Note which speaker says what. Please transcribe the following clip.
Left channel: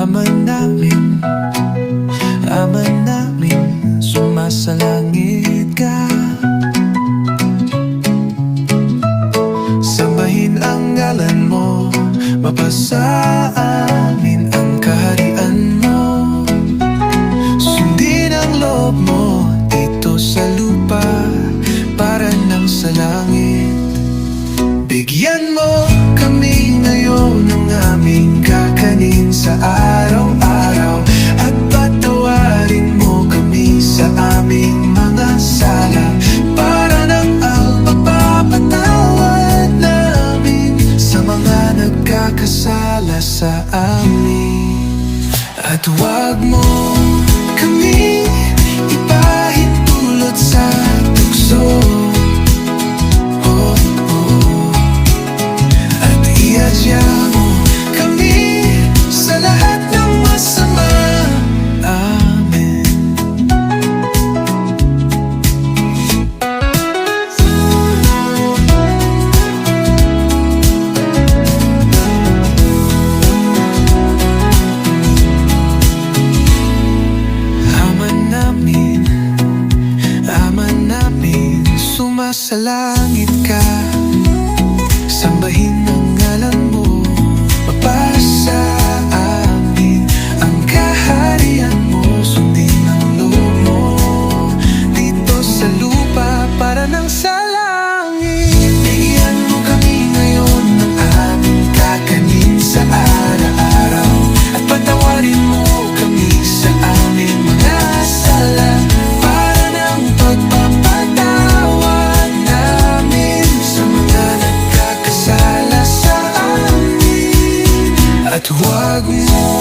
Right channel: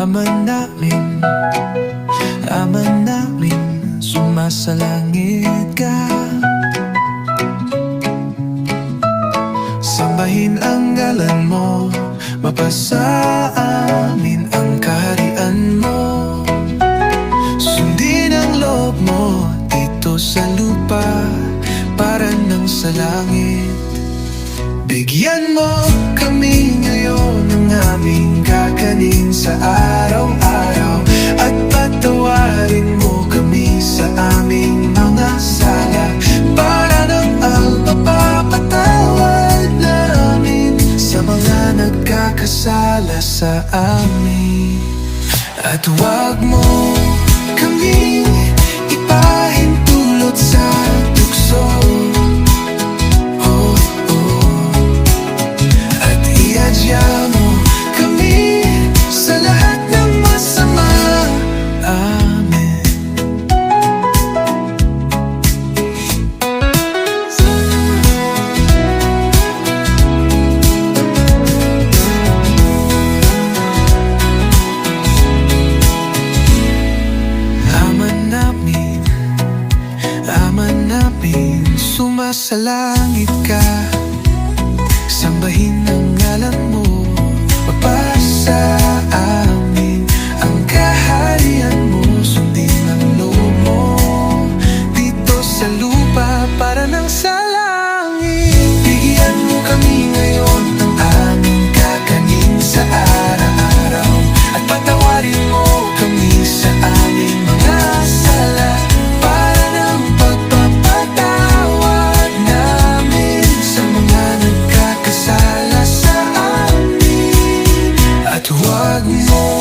Speaker 1: Ama namin, Ama namin, sumasalangit ka. Sambahin ang ngalan mo, mapasa amin ang kaharian mo. Sundin ang loob mo dito sa lupa para nang sa langit. Bigyan mo kami ngayon. ng aming kakanin sa araw-araw. At patawarin mo kami sa aming mga sala. Para ng alpapapatawad namin Sa mga nagkakasala sa amin. At huwag mo sumasalangit ka. Sambahin ang ngalan mo Mapasa amin Ang kaharian mo. Sundin ang loob mo Dito sa lupa Para nang nagkakasala sa